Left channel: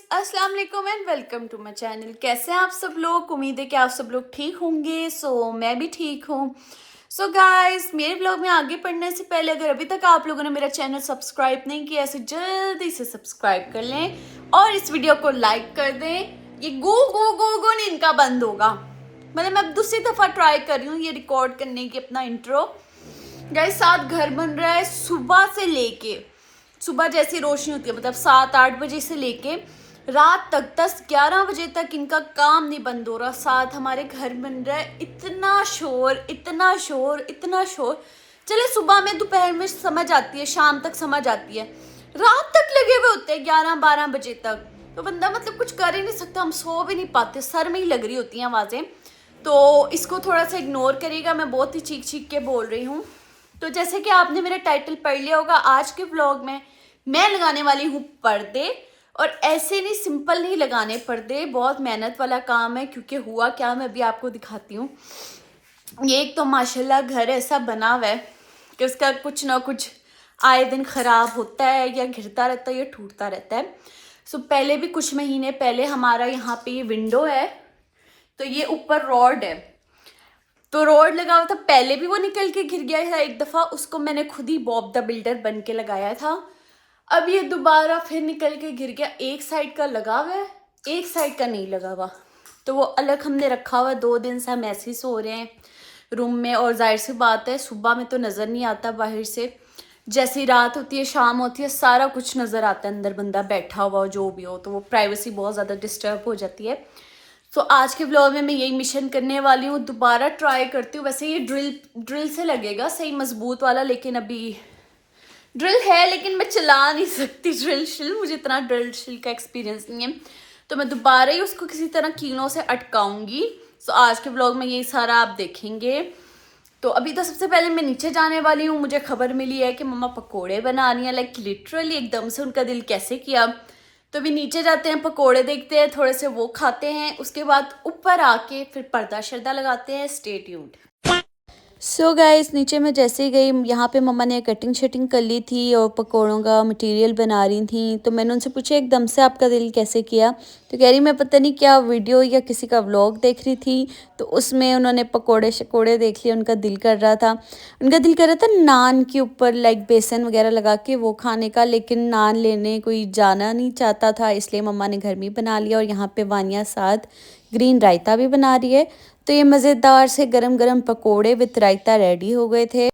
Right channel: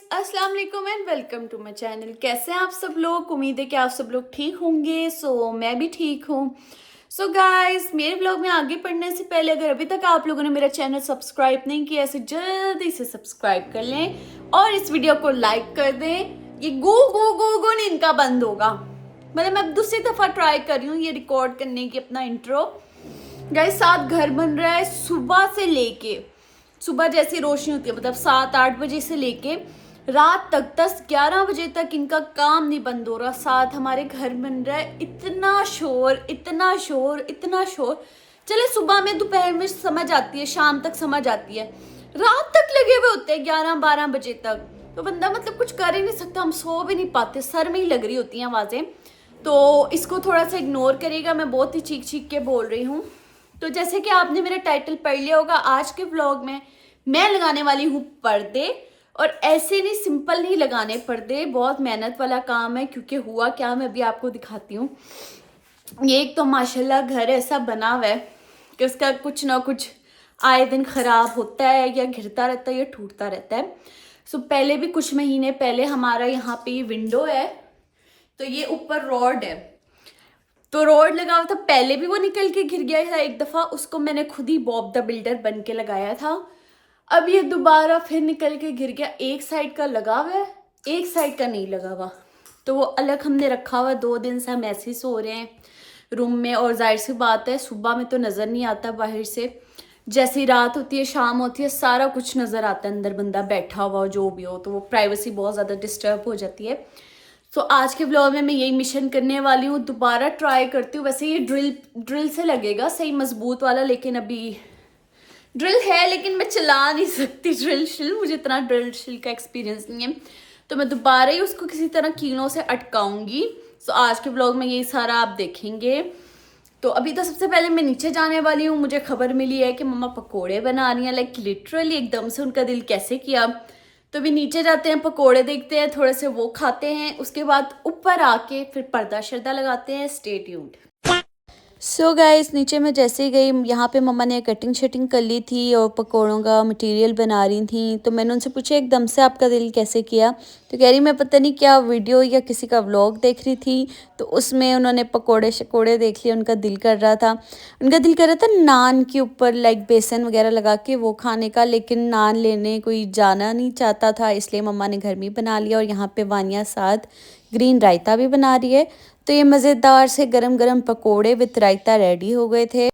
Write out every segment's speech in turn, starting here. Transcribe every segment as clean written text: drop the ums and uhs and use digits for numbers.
अस्सलाम वालेकुम and welcome to my channel. कैसे हैं आप सब लोग? उम्मीद है कि आप सब लोग ठीक होंगे। मैं भी ठीक हूँ। गाइस, मेरे ब्लॉग में आगे बढ़ने से पहले अगर अभी तक आप लोगों ने मेरा चैनल सब्सक्राइब नहीं किया तो जल्दी से सब्सक्राइब कर लें और इस वीडियो को लाइक कर दें। ये गू गू गू गू नहीं इनका बंद होगा। मतलब मैं दूसरी दफ़ा ट्राई कर रही हूँ ये रिकॉर्ड करने की अपना इंट्रो। गाइस, साथ घर बन रहा है सुबह से लेके, सुबह जैसी रोशनी होती है मतलब 7-8 बजे से लेके रात तक 10-11 बजे तक इनका काम नहीं बंद हो रहा। साथ हमारे घर बन रहा है, इतना शोर इतना शोर इतना शोर। चले सुबह में दोपहर में समझ आती है, शाम तक समझ आती है, रात तक लगे हुए होते हैं 11-12 बजे तक। तो बंदा मतलब कुछ कर ही नहीं सकता, हम सो भी नहीं पाते, सर में ही लग रही होती हैं आवाज़ें। तो इसको थोड़ा सा इग्नोर करेगा, मैं बहुत ही चीख चीख के बोल रही हूँ। तो जैसे कि आपने मेरा टाइटल पढ़ लिया होगा, आज के व्लॉग में मैं लगाने वाली हूँ पर्दे। और ऐसे नहीं, सिंपल नहीं लगाने पर्दे, बहुत मेहनत वाला काम है। क्योंकि हुआ क्या, मैं अभी आपको दिखाती हूँ। ये एक तो माशाल्लाह घर ऐसा बना हुआ है कि उसका कुछ ना कुछ आए दिन ख़राब होता है, या घिरता रहता है या टूटता रहता है। पहले भी कुछ महीने पहले हमारा यहाँ पे ये विंडो है, तो ये ऊपर रॉड है, तो रोड लगा हुआ था। पहले भी वो निकल के गिर गया था एक दफ़ा, उसको मैंने खुद ही बॉब द बिल्डर बन के लगाया था। अब ये दोबारा फिर निकल के गिर गया। एक साइड का लगा हुआ है, एक साइड का नहीं लगा हुआ, तो वो अलग हमने रखा हुआ। 2 दिन से हम ऐसे ही सो रहे हैं रूम में। और जाहिर सी बात है, सुबह में तो नज़र नहीं आता बाहर से, जैसी रात होती है शाम होती है सारा कुछ नज़र आता है, अंदर बंदा बैठा हुआ हो जो भी हो, तो वो प्राइवेसी बहुत ज़्यादा डिस्टर्ब हो जाती है। आज के ब्लॉग में मैं यही मिशन करने वाली हूँ, दोबारा ट्राई करती हूँ। वैसे ये ड्रिल से लगेगा सही मजबूत वाला, लेकिन अभी ड्रिल है लेकिन मैं चला नहीं सकती ड्रिल शिल, मुझे इतना ड्रिल शिल का एक्सपीरियंस नहीं है। तो मैं दोबारा ही उसको किसी तरह कीलों से अटकाऊंगी। आज के ब्लॉग में यही सारा आप देखेंगे। तो अभी तो सबसे पहले मैं नीचे जाने वाली हूँ। मुझे खबर मिली है कि मम्मा पकोड़े बना रही हैं, लाइक लिटरली एकदम से उनका दिल कैसे किया। तो अभी नीचे जाते हैं, पकोड़े देखते हैं, थोड़े से वो खाते हैं, उसके बाद ऊपर आके फिर पर्दा शर्दा लगाते हैं। Stay tuned. गाइस, नीचे मैं जैसे ही गई, यहाँ पे मम्मा ने कटिंग शटिंग कर ली थी और पकोड़ों का मटेरियल बना रही थी। तो मैंने उनसे पूछा एकदम से आपका दिल कैसे किया, तो कह रही मैं पता नहीं क्या वीडियो या किसी का व्लॉग देख रही थी, तो उसमें उन्होंने पकोड़े शकोड़े देख लिए, उनका दिल कर रहा था। उनका दिल कर रहा था नान के ऊपर लाइक बेसन वगैरह लगा के वो खाने का, लेकिन नान लेने कोई जाना नहीं चाहता था, इसलिए मम्मा ने घर में बना लिया। और यहाँ पे वानिया साथ ग्रीन रायता भी बना रही है। तो ये मज़ेदार से गरम गरम पकोड़े विद रायता रेडी हो गए थे।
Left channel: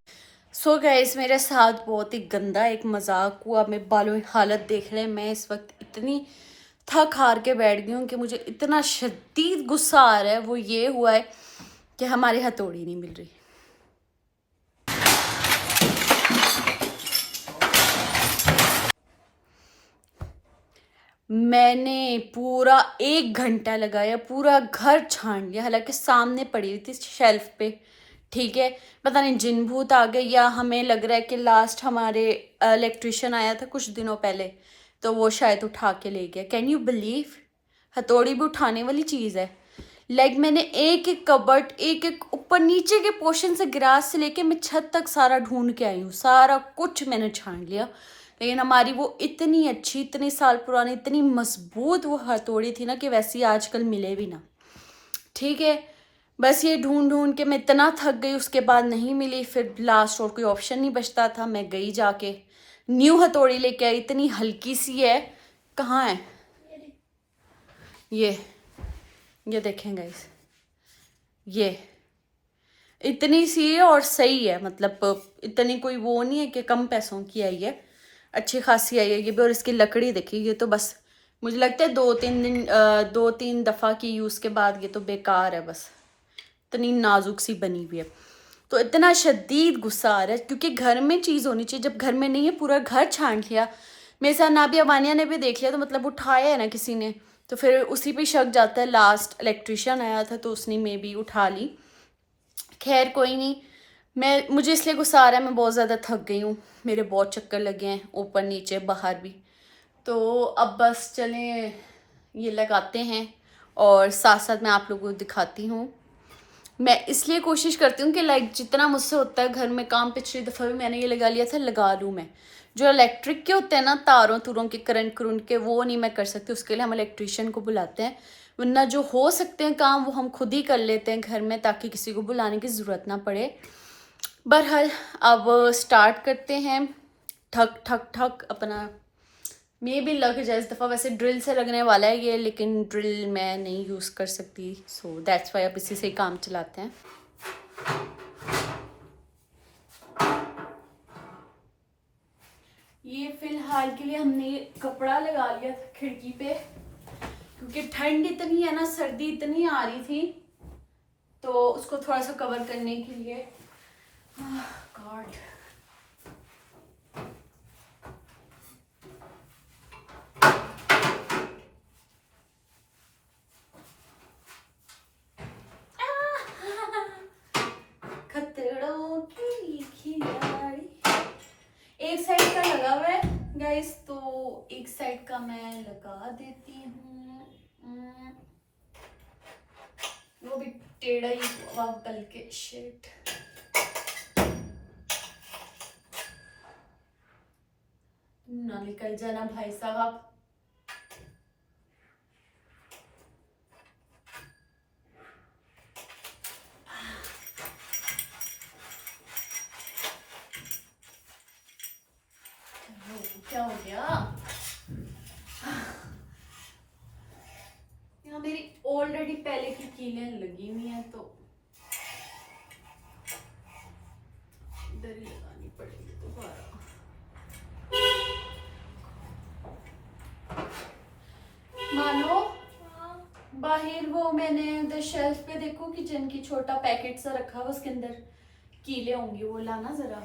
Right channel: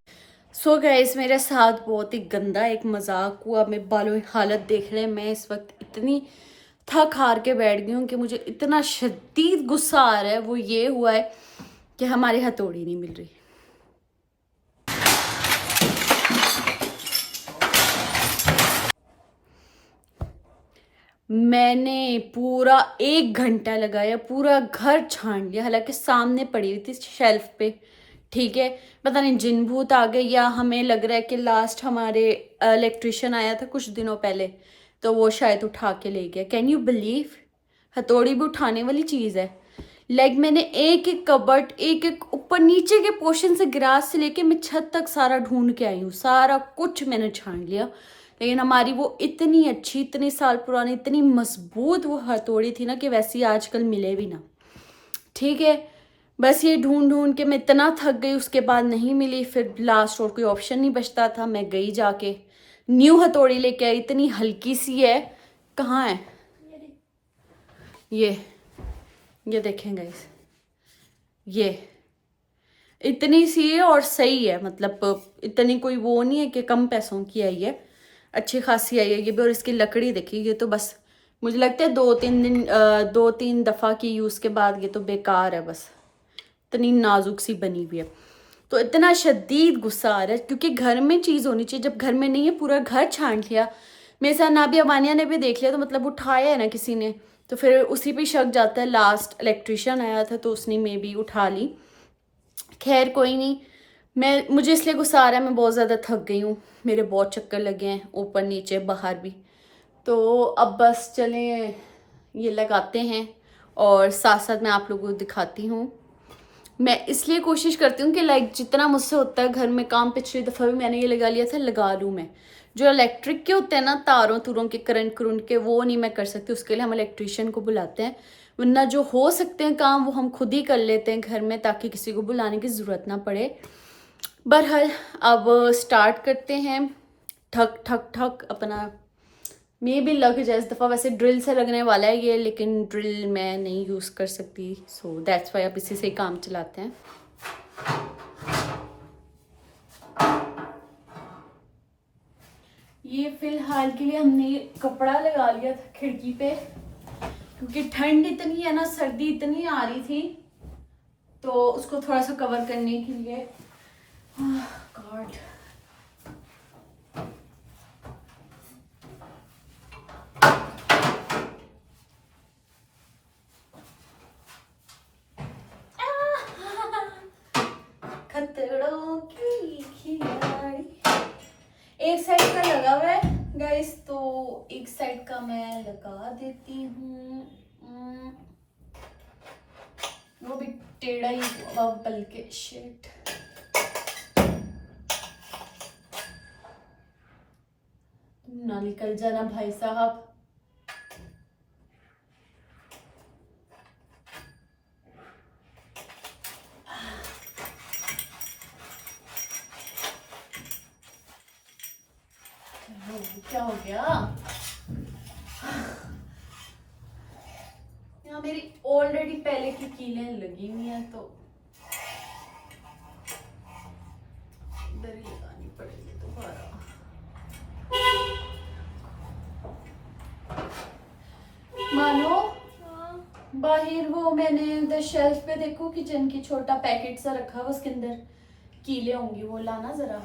गाइस, मेरे साथ बहुत ही गंदा एक मजाक हुआ। मेरे बालों की हालत देख रहे हैं, मैं इस वक्त इतनी थक हार के बैठ गई हूँ कि मुझे इतना शदीद गुस्सा आ रहा है। वो ये हुआ है कि हमारी हथौड़ी नहीं मिल रही। मैंने पूरा 1 घंटा लगाया, पूरा घर छान लिया, हालांकि सामने पड़ी हुई थी शेल्फ पे। ठीक है, पता नहीं जिन भूत आ गए, या हमें लग रहा है कि लास्ट हमारे इलेक्ट्रिशियन आया था कुछ दिनों पहले, तो वो शायद उठा के ले गया। कैन यू बिलीव, हथौड़ी भी उठाने वाली चीज़ है। लाइक मैंने एक एक कबर्ड, एक एक ऊपर नीचे के पोर्शन से, गिरास से लेके मैं छत तक सारा ढूंढ के आई हूँ, सारा कुछ मैंने छान लिया। लेकिन हमारी वो इतनी अच्छी, इतने साल पुरानी, इतनी मजबूत वो हथौड़ी थी ना कि वैसी आजकल मिले भी ना। ठीक है, बस ये ढूंढ ढूंढ के मैं इतना थक गई, उसके बाद नहीं मिली। फिर लास्ट और कोई ऑप्शन नहीं बचता था, मैं गई जाके न्यू हथौड़ी लेके आई। इतनी हल्की सी है, कहाँ है ये देखें गाइस, ये इतनी सी है और सही है, मतलब इतनी कोई वो नहीं है कि कम पैसों की आई है, अच्छी खासी आई है ये भी। और इसकी लकड़ी देखिए, ये तो बस मुझे लगता है 2-3 दफ़ा की यूज़ के बाद ये तो बेकार है, बस इतनी नाजुक सी बनी हुई है। तो इतना शदीद गुस्सा आ रहा है क्योंकि घर में चीज़ होनी चाहिए, जब घर में नहीं है पूरा घर छान लिया। मेरे साथ नाबिया वानिया ने भी देख लिया, तो मतलब उठाया है ना किसी ने, तो फिर उसी पे शक जाता है। लास्ट इलेक्ट्रिशियन आया था तो उसने मे भी उठा ली। खैर कोई नहीं, मुझे इसलिए गुस्सा आ रहा है, मैं बहुत ज़्यादा थक गई हूँ, मेरे बहुत चक्कर लगे हैं ऊपर नीचे बाहर भी। तो अब बस चलें ये लगाते हैं और साथ साथ मैं आप लोगों को दिखाती हूँ। मैं इसलिए कोशिश करती हूँ कि लाइक जितना मुझसे होता है घर में काम, पिछली दफ़ा भी मैंने ये लगा लिया था, लगा लूँ मैं। जो इलेक्ट्रिक के होते हैं ना, तारों तुरों के, करंट के, वो नहीं मैं कर सकती, उसके लिए हम इलेक्ट्रिशियन को बुलाते हैं। वरना जो हो सकते हैं काम वो हम खुद ही कर लेते हैं घर में, ताकि किसी को बुलाने की ज़रूरत ना पड़े। बहरहाल अब स्टार्ट करते हैं। ठक ठक ठक अपना मे भी लग जाए इस दफ़ा। वैसे ड्रिल से लगने वाला है ये, लेकिन ड्रिल मैं नहीं यूज़ कर सकती, सो दैट्स वाई अब इसी से ही काम चलाते हैं। ये फिलहाल के लिए हमने कपड़ा लगा लिया था खिड़की पे, क्योंकि ठंड इतनी है ना, सर्दी इतनी आ रही थी, तो उसको थोड़ा सा कवर करने के लिए। गॉड, खतरों की खिलाड़ी। एक साइड का लगा हुआ है गाइस, तो एक साइड का मैं लगा देती हूँ। वो भी टेढ़ा ही हुआ बल्कि, शिट। ना निकल जाना भाई साहब। क्या हो गया? यहाँ मेरी ऑलरेडी पहले की कीलें लगी हुई हैं, तो इधर ही लगानी पड़ेगी दोबारा। मानो बाहर वो मैंने उधर शेल्फ पे देखो, किचन की छोटा पैकेट सा रखा हुआ, उसके अंदर कीले होंगी, वो लाना जरा।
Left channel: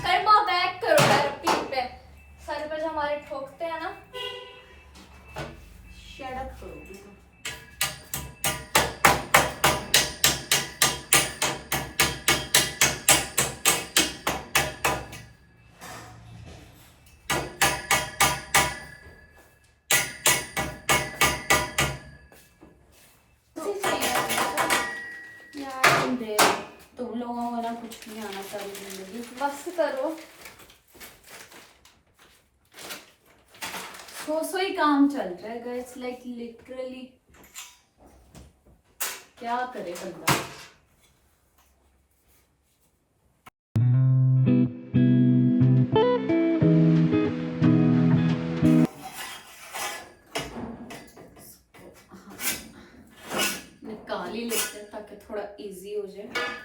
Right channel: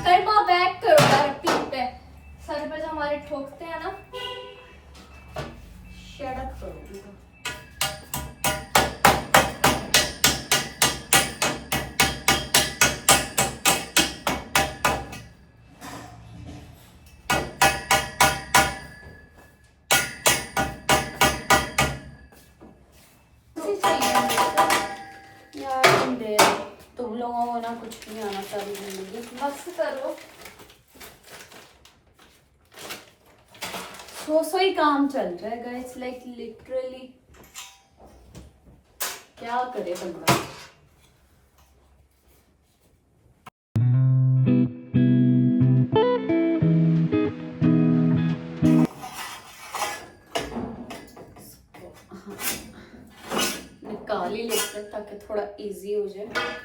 कर्मा बैक करो यार, पीठ पे सर पे जो हमारे ठोकते हैं ना। शट अप करोगी तो। तुम लोगों को ना कुछ नहीं आना चाहिए जिंदगी। बस करो। सो ही काम चल रहा है गाइस, लाइक लिटरली क्या करे बंदा। निकाल ही लेते हैं ताकि थोड़ा इजी हो जाए।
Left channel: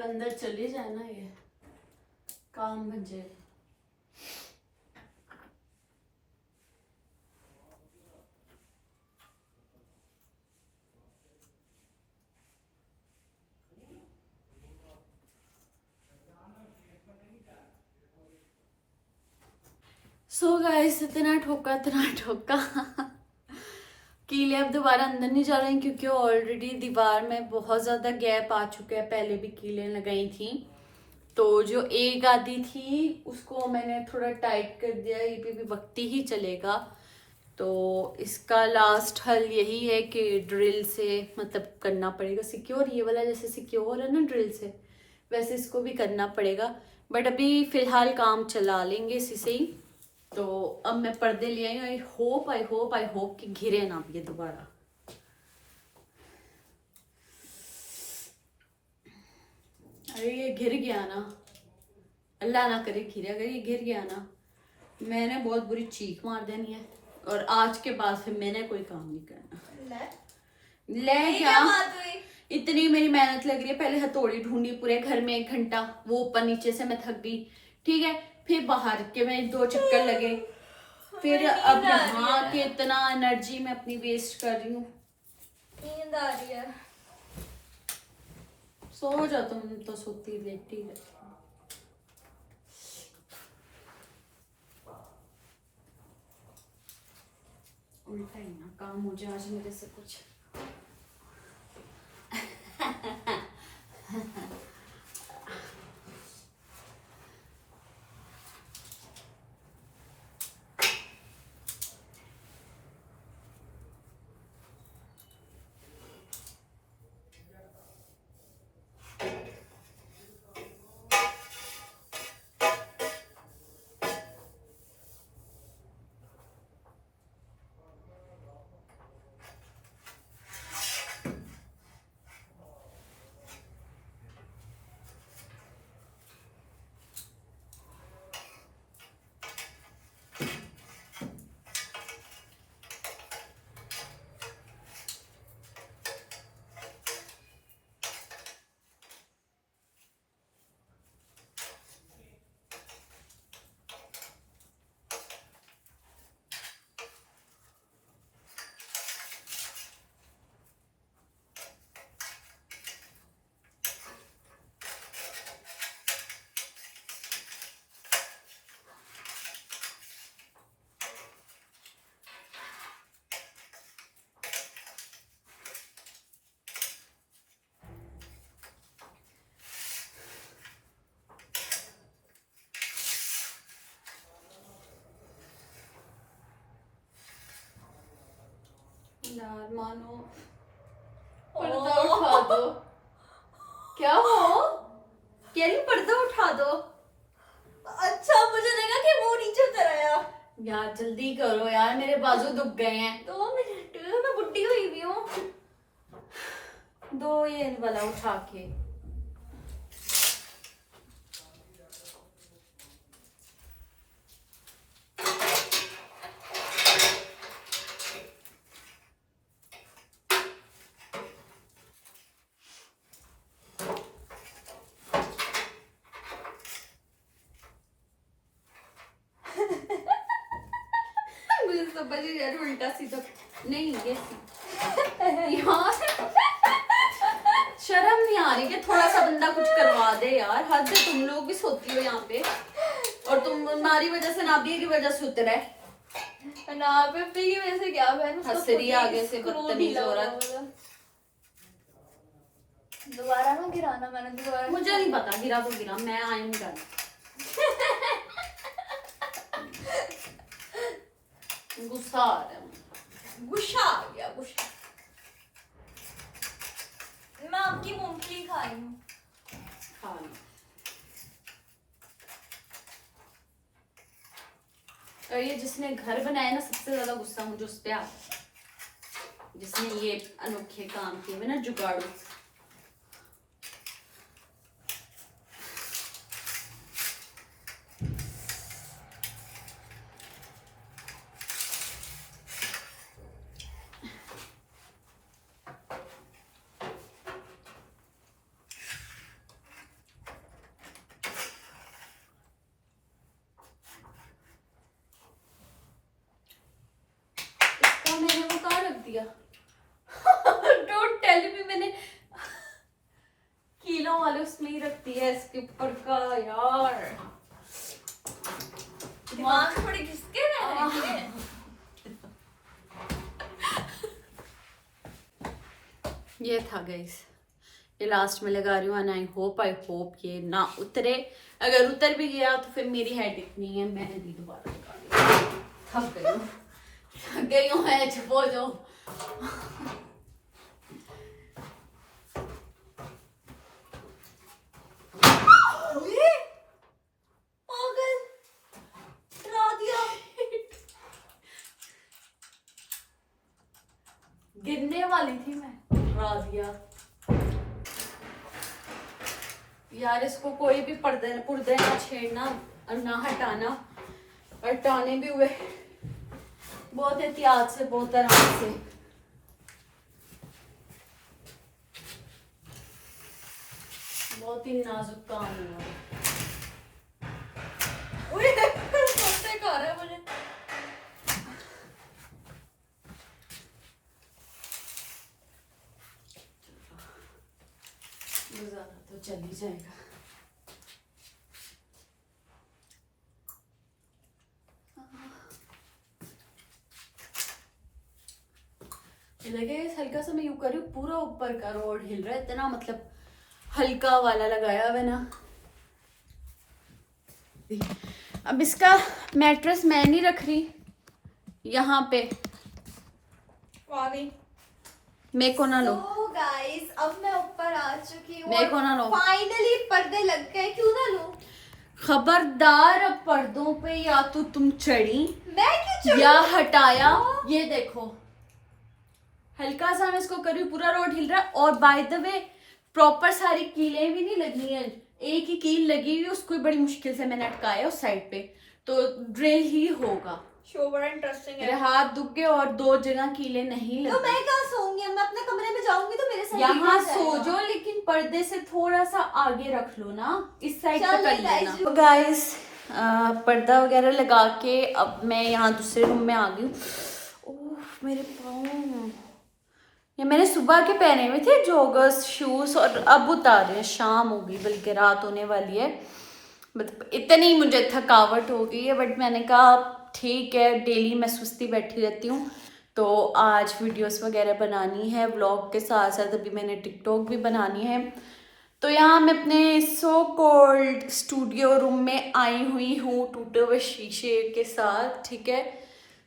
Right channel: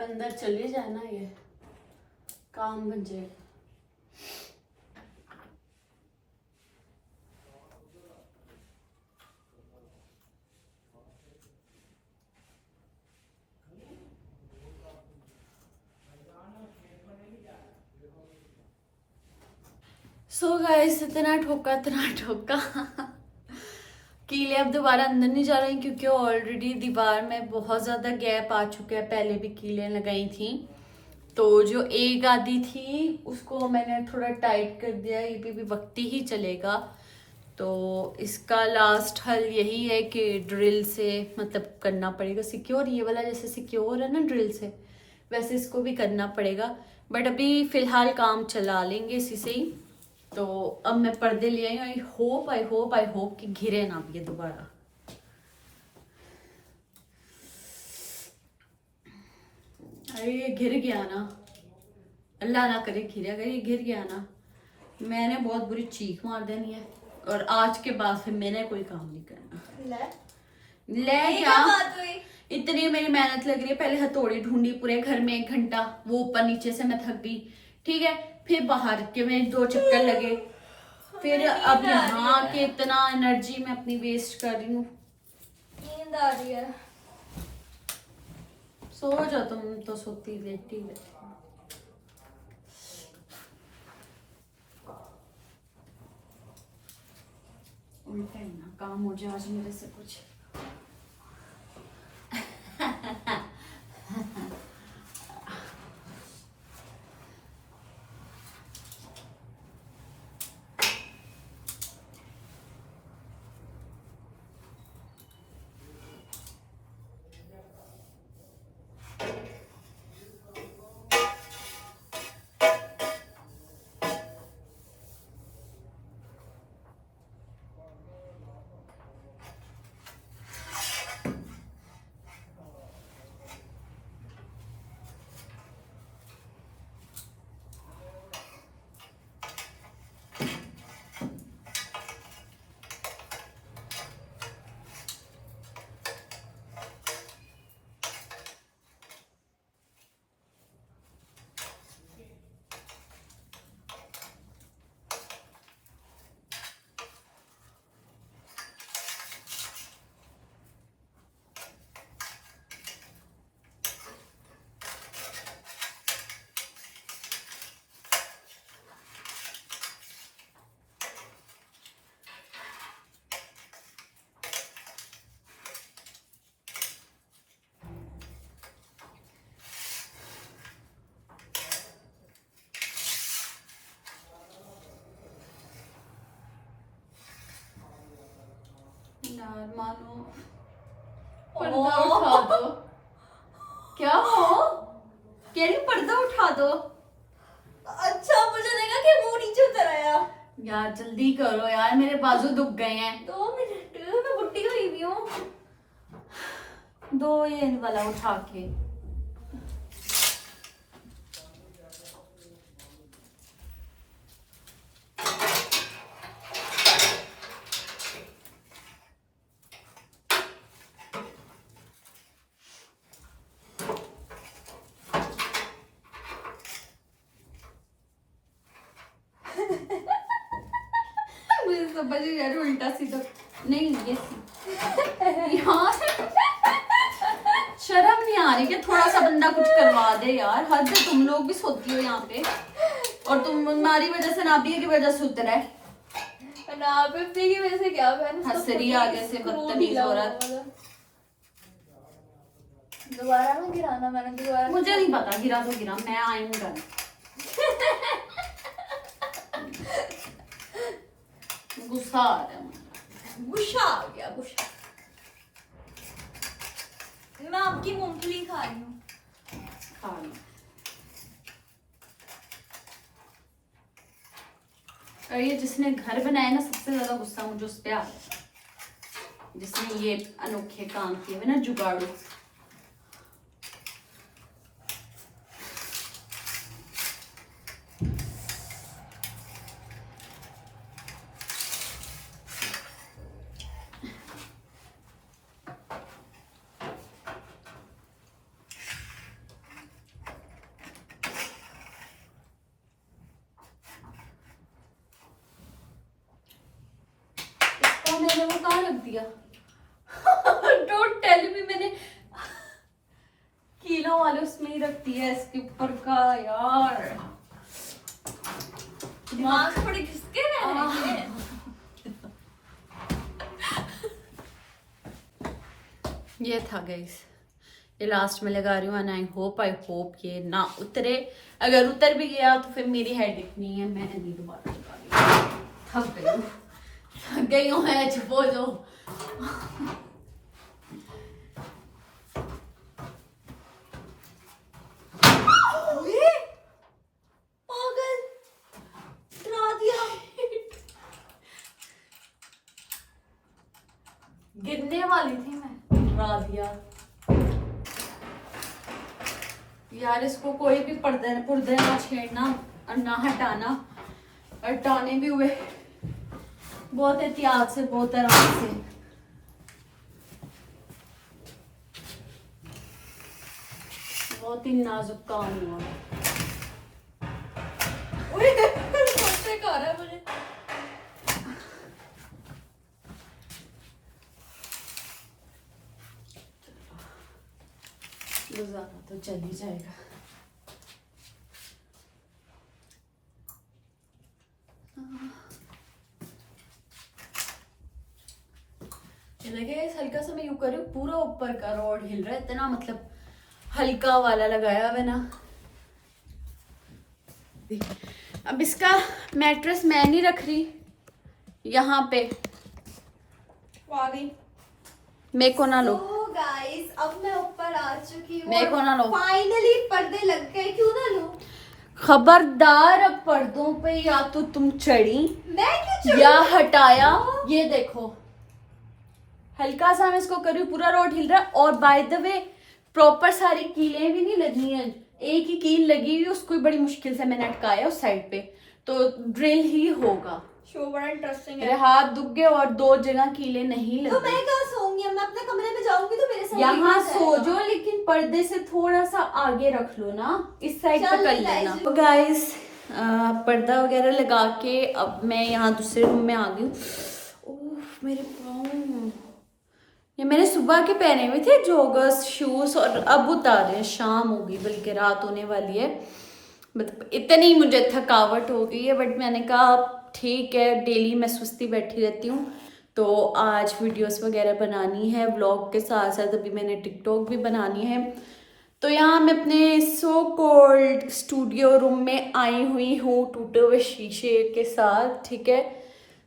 अंदर चले जाए ना, ये काम बन जाएगा। सो गाइस इतना ठोका कीले अब दोबारा अंदर नहीं जा रहे हैं क्योंकि ऑलरेडी दीवार में बहुत ज़्यादा गैप आ चुका है, पहले भी कीलें लगाई थी। तो जो एक आधी थी उसको मैंने थोड़ा टाइट कर दिया, ये भी वक्ती ही चलेगा। तो इसका लास्ट हल यही है कि ड्रिल से मतलब करना पड़ेगा सिक्योर, ये वाला जैसे सिक्योर है ना ड्रिल से, वैसे इसको भी करना पड़ेगा। बट अभी फ़िलहाल काम चला लेंगे इसी से ही। तो अब मैं पर्दे ले आई, आई होप कि घिरे ना भी ये दोबारा। अरे ये गिर गया ना, अल्लाह ना करे घिरे, अगर ये गिर गया ना मैंने बहुत बुरी चीख मार देनी है, और आज के बाद फिर मैंने कोई काम नहीं करना। ले क्या इतनी मेरी मेहनत लग रही है, पहले हथौड़ी ढूंढी पूरे घर में 1 घंटा, वो ऊपर नीचे से मैं थक गई, ठीक है। फिर बाहर के मेरे 2 चक्कर लगे, फिर अब यहाँ के इतना एनर्जी मैं अपनी वेस्ट कर रही हूँ। नींद आ रही है। सो जाओ तुम तो, सोती रहती है। उल्टा ही ना काम हो जाए आज मेरे से कुछ। यार मानो पर्दा उठा दो। क्या हो कह रही, पर्दा उठा दो। अच्छा मुझे लगा कि मुंह नीचे उतर आया। यार जल्दी करो यार, मेरे बाजू दुख गए हैं। 2 मिनट, मैं बुड्ढी हुई भी हूँ। दो ये वाला उठा के। मुझे समझ नहीं यार, उल्टा सीधा नहीं ये यार शर्म नहीं आ रही कि थोड़ा सा बंदा कुछ करवा दे यार। हद है, तुम लोग भी सोती हो यहाँ पे, और तुम्हारी वजह से नाबिया की वजह से उतरा है। नाबिया की वजह से क्या बहन, हंसरी आगे से बदतमीज औरत। दोबारा ना गिराना, मैंने दोबारा। मुझे नहीं पता, गिरा तो गिरा, मैं आई हूँ डन। गुस्सा आ रहा है, गुस्सा आ गया, गुस्सा। मैं आपकी मूंगफली खा रही हूँ। खा लो। और ये जिसने घर बनाया ना, सबसे ज्यादा गुस्सा मुझे उस पे आ रहा है, जिसने ये अनोखे काम किए हुए ना, जुगाड़ू। मैंने वो कहाँ रख दिया? डोंट टेल मी, मैंने कीलों वाले उसमें ही रख दिया, इसके ऊपर का। यार दिमाग थोड़ी घिसके ये था गाइस, ये लास्ट में लगा रही हूँ एंड आई होप ये ना उतरे। अगर उतर भी गया तो फिर मेरी हेडेक नहीं है, मैं नहीं दोबारा लगा रही हूँ। थक गई हूँ मैं, चुप हो जाओ। गिरने वाली थी मैं, डरा दिया यार। इसको कोई भी पुर्दे ना छेड़ना और ना हटाना, और हटाने भी हुए बहुत एहतियात से, बहुत आराम से। बहुत ही नाजुक काम हुआ। मुझे गुजारा तो चल ही जाएगा। लगे हल्का सा मैं यूं कर रही हूँ, पूरा ऊपर का रॉड हिल रहा है इतना, मतलब हल्का वाला लगाया हुआ ना। अब इसका मैट्रेस मैं नहीं रख रही यहाँ पे, मेरे को ना लो। गाइस अब मैं ऊपर आ चुकी हूँ, मेरे को ना लो। फाइनली पर्दे लग गए, क्यों ना लो। खबरदार, अब पर्दों पे या तो तुम चढ़ी मैं क्यों चढ़ूं? या हटाया। ये देखो हल्का सा मैं इसको कर रही हूँ, पूरा रोड हिल रहा है। और बाय द वे प्रॉपर सारी कीलें भी नहीं लगी हैं, एक ही कील लगी हुई, उसको भी बड़ी मुश्किल से मैंने अटकाया उस साइड पे, तो ड्रिल ही होगा। शो बड़ा इंटरेस्टिंग मेरे है। हाथ दुख गए और 2 जगह कीलें नहीं तो लगी। मैं कहाँ सोऊंगी? अब मैं अपने कमरे में जाऊंगी तो मेरे साथ यहाँ ही सो जाएगा। जाओ, लेकिन पर्दे से थोड़ा सा आगे रख लो ना, इस साइड पे चलो कर guys, लेना। तो गाइस पर्दा वगैरह लगा के अब मैं यहाँ दूसरे रूम में आ गई हूँ। ओह मेरे पाँव, ये मैंने सुबह के पहने हुए थे जॉगर्स शूज, और अब उतारे हैं, शाम हो गई बल्कि रात होने वाली है। मतलब इतनी मुझे थकावट हो गई है, बट मैंने कहा ठीक है, डेली मैं सुस्ती बैठी रहती हूँ, तो आज वीडियोस वगैरह बनानी है व्लॉग के साथ साथ। अभी मैंने टिकटॉक भी बनानी है। तो यहाँ मैं अपने सो कॉल्ड स्टूडियो रूम में आई हुई हूँ टूटे हुए शीशे के साथ, ठीक है।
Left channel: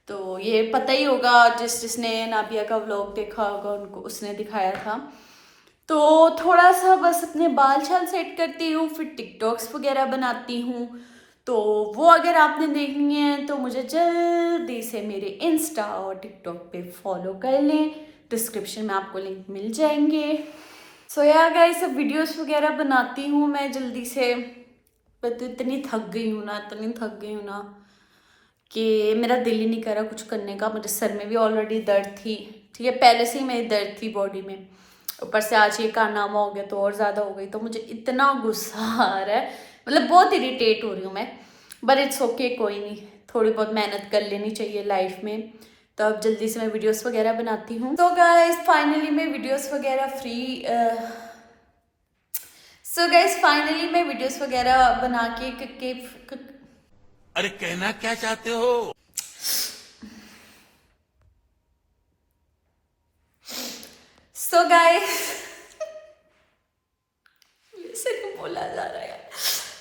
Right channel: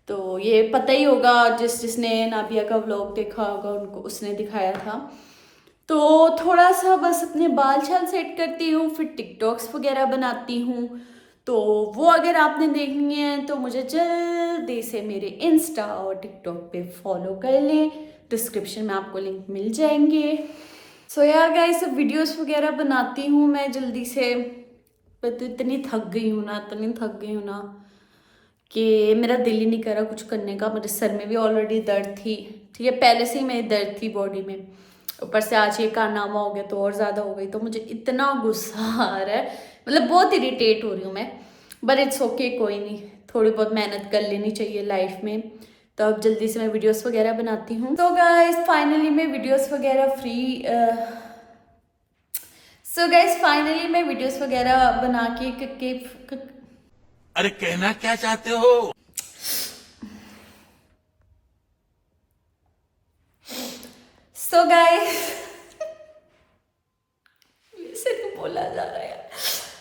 तो ये पता ही होगा, जिसने नाबिया का व्लॉग देखा होगा उनको, उसने दिखाया था। तो थोड़ा सा बस अपने बाल छाल सेट करती हूँ, फिर टिकटॉक्स वगैरह बनाती हूँ। तो वो अगर आपने देखनी है तो मुझे जल्दी से मेरे इंस्टा और टिकटॉक पे फॉलो कर लें, डिस्क्रिप्शन में आपको लिंक मिल जाएंगे। सो यार गाइस, सब वीडियोस वगैरह बनाती हूँ मैं जल्दी से। मैं तो इतनी थक गई हूँ ना कि मेरा दिल ही नहीं कर रहा कुछ करने का। मेरे सर में भी ऑलरेडी दर्द थी, ठीक है, पहले से ही मेरी दर्द थी बॉडी में, ऊपर से आज ये कारनामा हो गया तो और ज़्यादा हो गई। तो मुझे इतना गुस्सा आ रहा है, मतलब बहुत इरिटेट हो रही हूँ मैं, बट इट्स ओके, कोई नहीं, थोड़ी बहुत मेहनत कर लेनी चाहिए लाइफ में। तो अब जल्दी से मैं वीडियोस वगैरह बनाती हूँ। तो गाइस फाइनली मैं वीडियोस वगैरह बना के अरे कहना क्या चाहते हो? सो गाइस से नहीं बोला जा रहा है।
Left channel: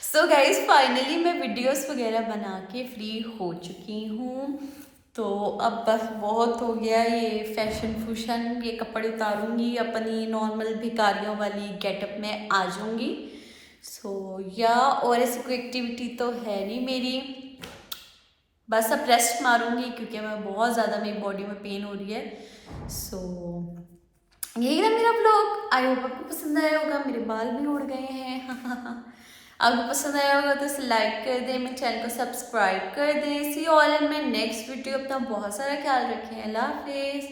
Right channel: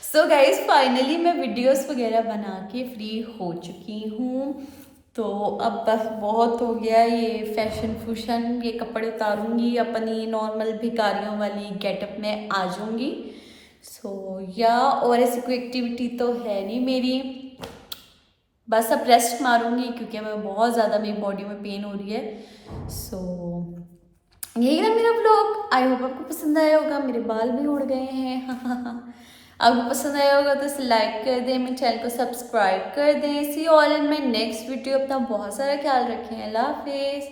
सो गाइस फाइनली मैं वीडियोस वगैरह बना के फ्री हो चुकी हूँ। तो अब बस बहुत हो गया ये फैशन फूशन, ये कपड़े उतारूंगी, अपनी नॉर्मल भिखारियों वाली गेटअप में आ जाऊंगी। सो या और ऐसी कोई एक्टिविटी तो है नहीं मेरी, बस अब रेस्ट मारूंगी क्योंकि मैं बहुत ज़्यादा, मेरी बॉडी में पेन हो रही है। सो यही ना मेरा व्लॉग, आई होप आपको पसंद आया होगा। मेरे बाल भी उड़ गए हैं आपको पसंद आया होगा तो इसे लाइक कर दें, मेरे चैनल को सब्सक्राइब कर दें। See all in my next video. अपना बहुत सारा ख्याल रखें, अल्लाह हाफिज़।